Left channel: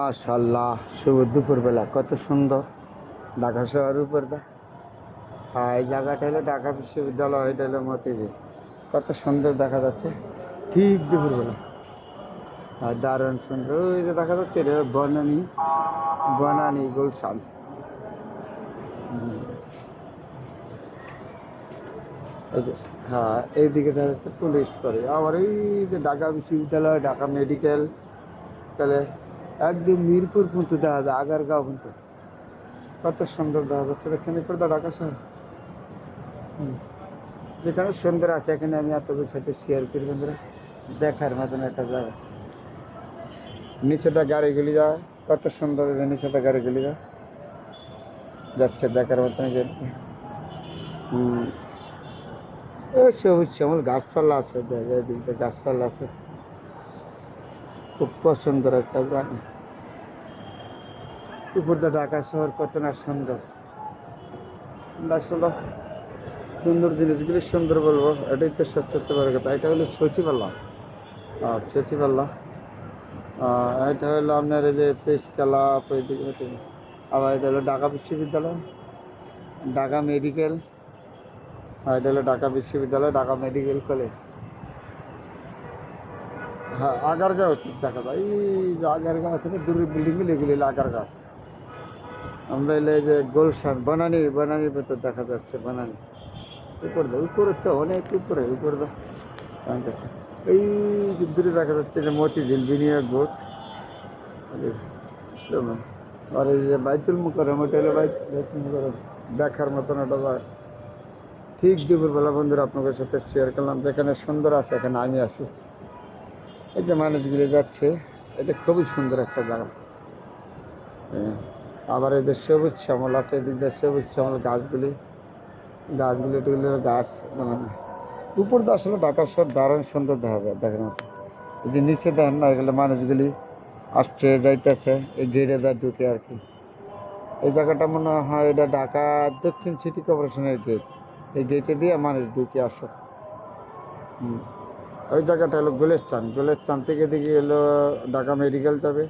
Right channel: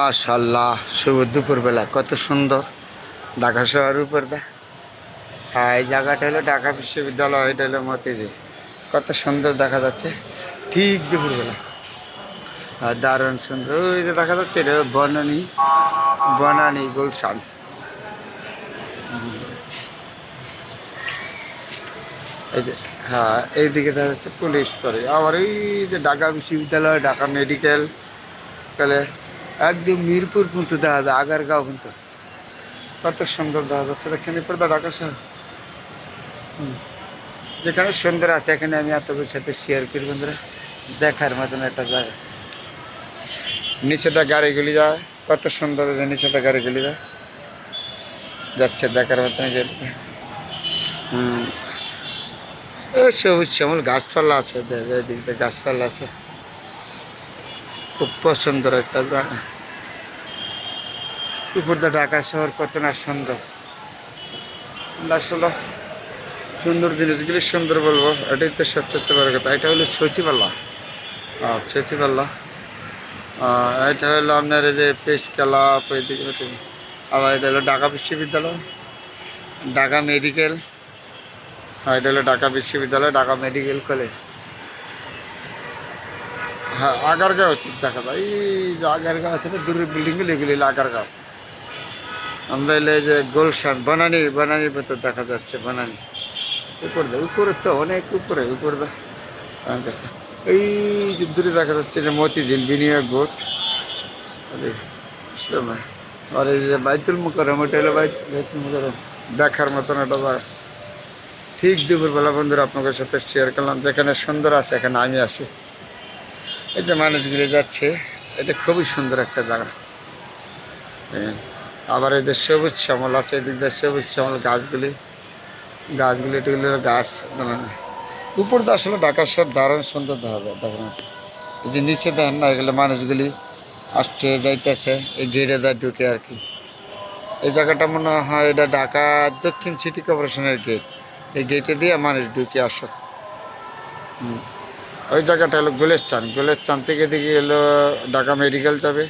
মাশাল্লাহ, শুভ দুপুরবেলা কত সুন্দর ঢাকা শহর উপর দা। হ্যাঁ, এই জায়গাটা হলো ঢাকা বিশ্ববিদ্যালয়, এটা হলো মতিঝিল। কত সুন্দর দেখা যাচ্ছে ঠিক দুপুরবেলা। আর দারুণ সুন্দর, ওই যে দেখা যাচ্ছে এটা বনানী, বনানী গুলশান। এই যে হ্যাঁ, এইদিকে দেখা যাচ্ছে পুলিশ করে, আবার এই যে ঢাকা বিশ্ববিদ্যালয়, ঢাকা মেডিকেল কলেজ, একদম মিরপুর পর্যন্ত দেখা যায়, আগারগাঁও পর্যন্ত। কত সুন্দর দেখা যাচ্ছে, দেখছেন এরপর দা ঢাকা শহর। যেখানে সুন্দর আছে, এখানে আমি আপনাদের সাথে শেয়ার করি বন্ধুরা। দেখার মতন একটা জায়গা, নিচে দা গাড়িগুলি যায়, কত সুন্দর যে নিচে দা গাড়িগুলি যায় যাচ্ছে, দেখার মতন। হুম, ও সবুজ শ্যামল গাছপালা আছে, এদিক দিয়ে গাছপালা আছে, খুব পছন্দের একটা জায়গা। উপর দিয়ে ঢাকা শহর কত না সুন্দর। আসলে সুন্দর জিনিসগুলি সুন্দর বলবো, এটাই তো সত্যি বড় কথা। এটা হলো সচিবাল্লা, সচিবাল্লা। এটা হলো আপনার এই যে পেশ ক্লাব, ওইদিকে। আবার এটা হলো ঢাকা বিশ্ববিদ্যালয়, ঢাকা মেডিকেল। হ্যাঁ, এটা হলো ঢাকা বিশ্ববিদ্যালয়, ঢাকা মেডিকেল কলেজ। হ্যাঁ, আগারগাঁও হচ্ছে দেখা যায়, এই যে আগারগাঁও আছে না, দূরের বিল্ডিংগুলো, এগুলি হলো আগারগাঁও। আমরা এলে যে গুলশান, বনানী, বনানীর ভেতর দেখা যাচ্ছে, বনানী। উপরে তো অনেক উপরে, উপরে কাছে এই যে দূরে দেখা যাচ্ছে যে মতিঝিল বিনিয়োগ বোর্ড। আর এই যে বাইতুল মুকাররম, ওটা হলো বাইতুল মুকাররম, দেখার মতন একটা জায়গা। ঠিক দুপুরবেলা বন্ধুরা আপনাদের সাথে শেয়ার করলাম, যেখানে সুন্দর আছে এখানে আমি আছি। এই যে মানুষগুলি যাচ্ছে, এটা খুবই সুন্দর একটা জায়গা। আবার এই যে সবুজ শ্যামল আছে, এদিক দিয়ে সবুজ শ্যামল গাছগুলি, গাছগুলি এগুলো গাছ। উপর দিয়ে আসলে ঢাকা শহর দারুণ সুন্দর দেখা যায়, দেখার মতো। এই যে নিচে দেন না, এগুলো মানুষগুলি আসছে যাইতেছে, এই গেটে দেয় ঢুকে আর কি। এই জায়গাটা মনে হয় এটা ঢাকা দক্ষিণ সিটি কর্পোরেশনের গেট। এই গেটে দিয়ে মানুষ ঢুকে আসে। ওই জায়গাটা হলো গুলিস্তান, গুলিস্তান থেকে এদিকে এলো ঢাকা মেডিকেল যাবে,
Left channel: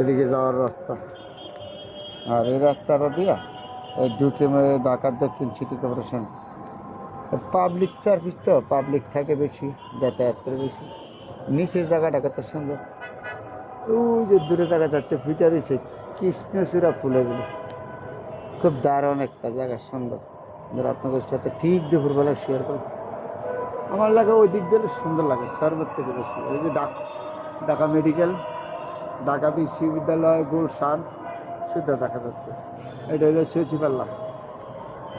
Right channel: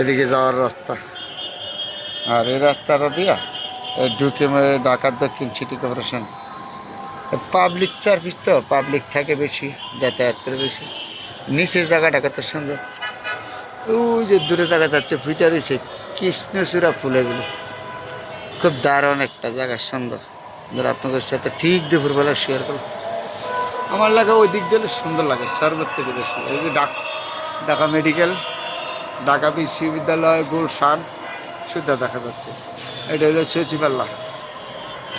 এদিকে যাওয়ার রাস্তা। আর এই রাস্তাটা দিয়া এই ঢুকে ঢাকা দক্ষিণ সিটি কর্পোরেশন। পাবলিক সার্ভিস তো, পাবলিক থাকে বেশি, যাতায়াত করে বেশি। নিচের জায়গাটা কত সুন্দর, ওই যে দূরে দেখা যাচ্ছে ফিটারি সে কৃষ্ণচূড়া ফুল, এগুলো খুব দারুণ একটা জায়গা, সুন্দর। ধর আপনাদের সাথে ঠিক দুপুরবেলা শেয়ার করব। আমার লাগে ওই দিক দিয়ে সুন্দর লাগে সর্বোচ্চ থেকে বেশি। এই যে ঢাকা মেডিকেল, ঢাকা বিশ্ববিদ্যালয়, গুলশান সুদ্ধা দেখা যাচ্ছে। এটা হলো সচিবাল্লা,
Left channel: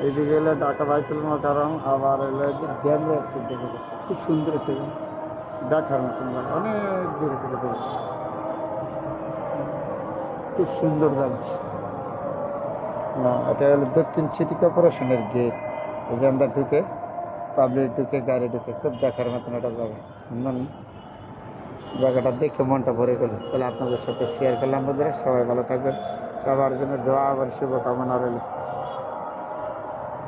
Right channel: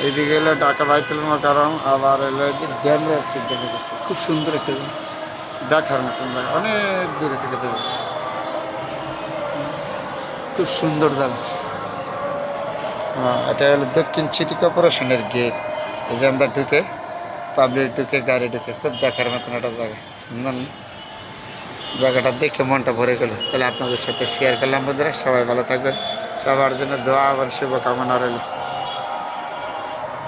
এইদিকে হলো ঢাকা বাইতুল মুকাররম, আবার হলো ড্যামের দেখা যাচ্ছে। খুব সুন্দর একটা দেখার মতন জায়গা, অনেক দূরে থেকে দেখা, খুব সুন্দর জায়গা। এটা হলো দক্ষিণ সিটি কর্পোরেশনের গেট। এই যে আমরা ঢুকে, পাবলিক ঢুকে, গাড়ি ঢুকে, খুব দেখার মতন একটা জায়গা, সুন্দর না? জায়গাটা দেখে মনটা ভরে গেল। তাহলে আপনাদের সাথে শেয়ার করলাম বন্ধুরা, সবাই ভালো থাকবেন, সবার জন্য দোয়া এবং শুভকামনা রইল।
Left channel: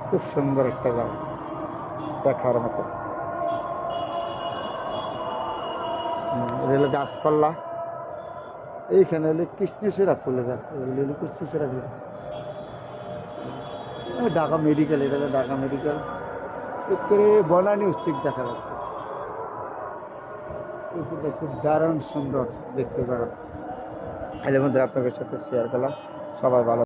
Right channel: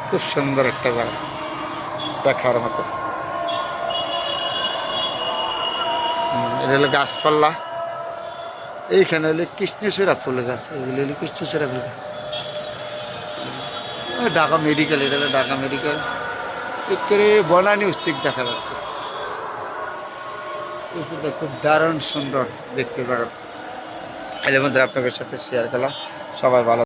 খুব সুন্দর একটা জায়গা, দেখার মতো। এটা হলো গাছপাল্লা, এইখানে হলো কৃষ্ণচূড়া ফুল গাছ, এগুলো হলো কৃষ্ণচূড়া ফুল গাছ। ঢাকা মেডিকেল, এটা হলো ঢাকা মেডিকেল। একেবারে বনানী উচ্চিক দেখা যাচ্ছে, উপরটা খুব দারুণ সুন্দর দেখতে জায়গা। এর মধ্যে আপনাদের সাথে শেয়ার করলাম, সবাই ভালো।